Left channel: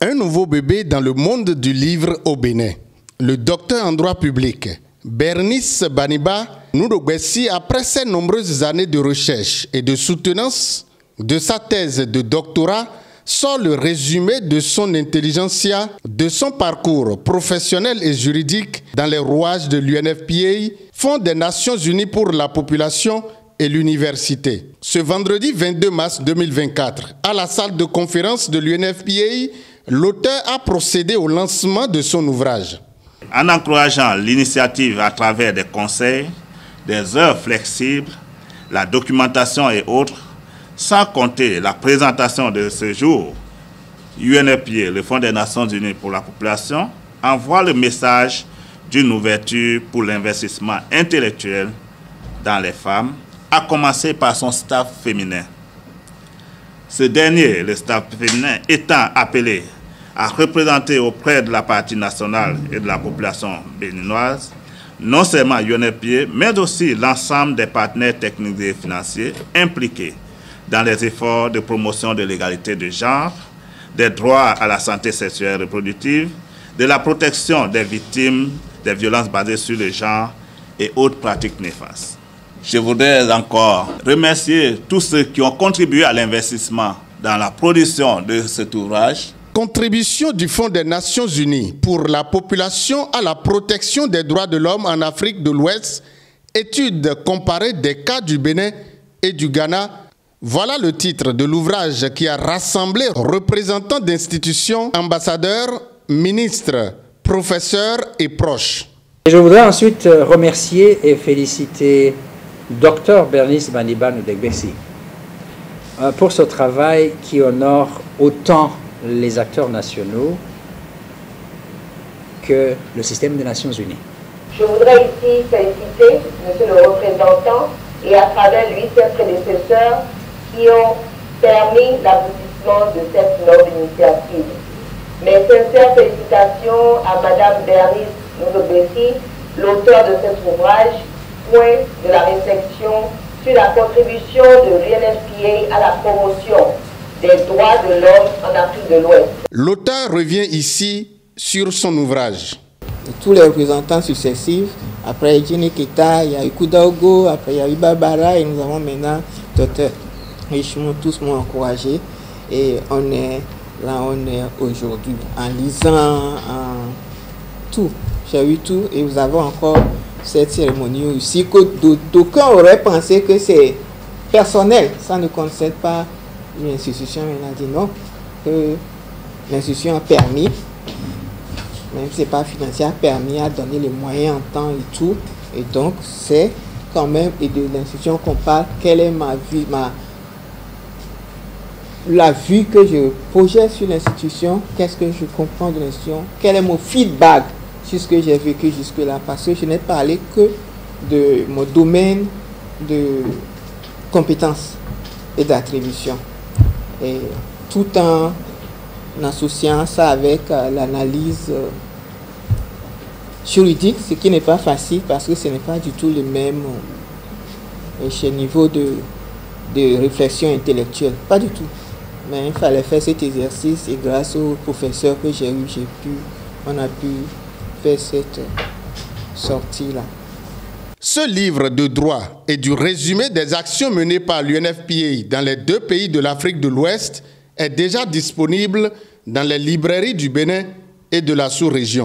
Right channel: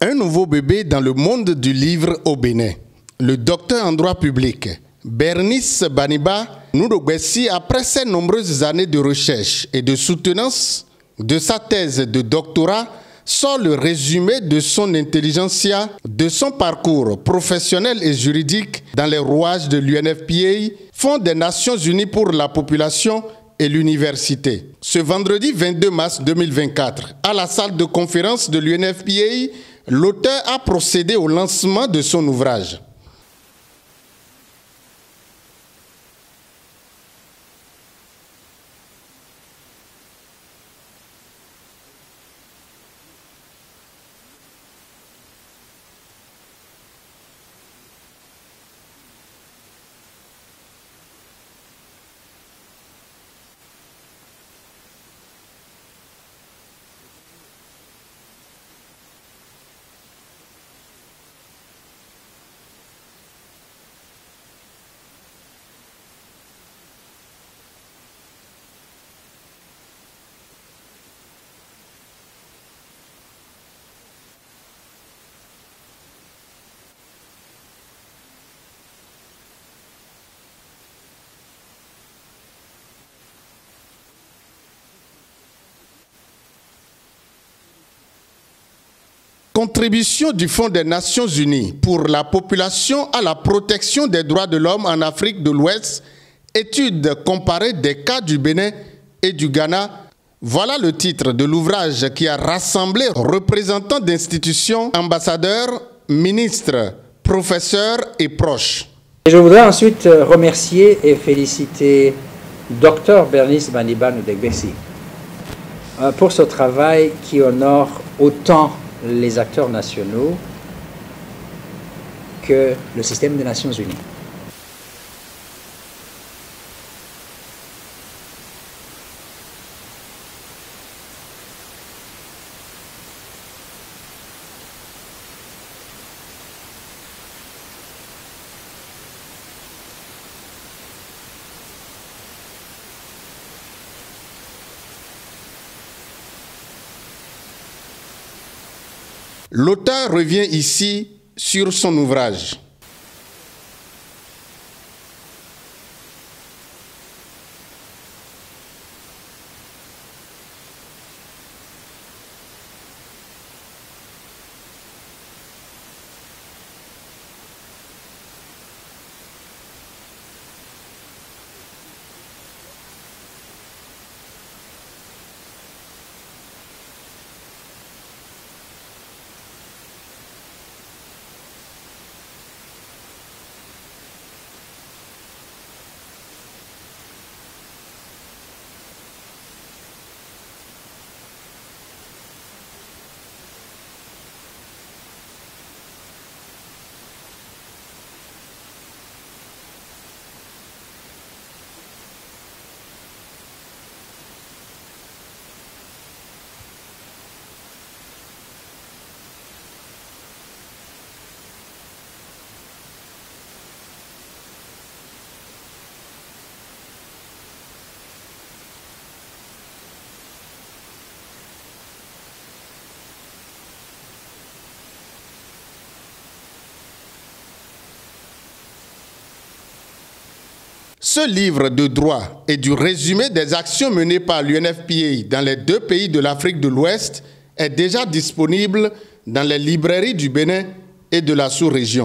Un nouveau bébé dans le monde du livre au Bénin. Le docteur en droit public, Bernice Baniba Noudogbessi, après ses nombreuses années de recherche et de soutenance de sa thèse de doctorat, sort le résumé de son intelligentsia, de son parcours professionnel et juridique dans les rouages de l'UNFPA, Fonds des Nations Unies pour la population et l'université. Ce vendredi 22 mars 2024, à la salle de conférence de l'UNFPA, l'auteur a procédé au lancement de son ouvrage. En encourageant l'initiative à travers des conseils, des heures flexibles, la documentation et autres, sans compter la présentation de ce jour, UNFPA, le Fonds des Nations Unies pour la population, envoie le message d'une ouverture pour l'investissement intellectuel dans les femmes, à commencer par son staff féminin. Ce dernier, le staff féminin, étant appelé à représenter auprès de la partie nationale et de la population béninoise, non seulement UNFPA, mais aussi l'ensemble des partenaires techniques et financiers impliqués dans les efforts de promotion de l'égalité de genre, des droits à la santé sexuelle et reproductive, de la protection des victimes des violences basées sur le genre et autres pratiques néfastes. Je voudrais encore remercier tous ceux qui ont contribué à l'investissement dans la production de cet ouvrage. Contribution du Fonds des Nations Unies pour la population à la protection des droits de l'homme en Afrique de l'Ouest, étude comparée des cas du Bénin et du Ghana. Voilà le titre de l'ouvrage qui a rassemblé représentants d'institutions, ambassadeurs, ministres, professeurs et proches. Je voudrais ensuite remercier et féliciter Dr Bernice Baniba Noudogbessi pour ce travail qui honore autant les acteurs nationaux que le système des Nations Unies. Je voudrais ici féliciter monsieur le représentant et à travers lui ses prédécesseurs qui ont permis l'aboutissement de cette noble initiative. Mes sincères félicitations à madame Bernice Noudogbessi, l'auteur de cet ouvrage, point de la réflexion sur la contribution de l'UNFPA à la promotion des droits de l'homme en Afrique de l'Ouest. L'auteur revient ici sur son ouvrage. Tous les représentants successifs, après Jenny Kita, il y a eu Koudaogo, après il y a eu Barbara et nous avons maintenant Dr. Richemont, tous m'ont encouragé et on est là, on est aujourd'hui en lisant tout. J'ai eu tout et nous avons encore cette cérémonie ici que d'aucuns auraient pensé que c'est personnel, ça ne concerne pas l'institution. On a dit non, que l'institution a permis, même si ce n'est pas financier, a permis à donner les moyens en temps et tout. Et donc c'est quand même de l'institution qu'on parle. Quelle est ma vie, la vue que je projette sur l'institution, qu'est-ce que je comprends de l'institution, quel est mon feedback sur ce que j'ai vécu jusque-là, parce que je n'ai parlé que de mon domaine de compétences et d'attribution. Et tout en associant ça avec l'analyse juridique, ce qui n'est pas facile parce que ce n'est pas du tout le même niveau de réflexion intellectuelle, pas du tout. Mais il fallait faire cet exercice et grâce aux professeurs que j'ai eu, on a pu faire cette sortie-là. Ce livre de droit et du résumé des actions menées par l'UNFPA dans les deux pays de l'Afrique de l'Ouest est déjà disponible dans les librairies du Bénin et de la sous-région.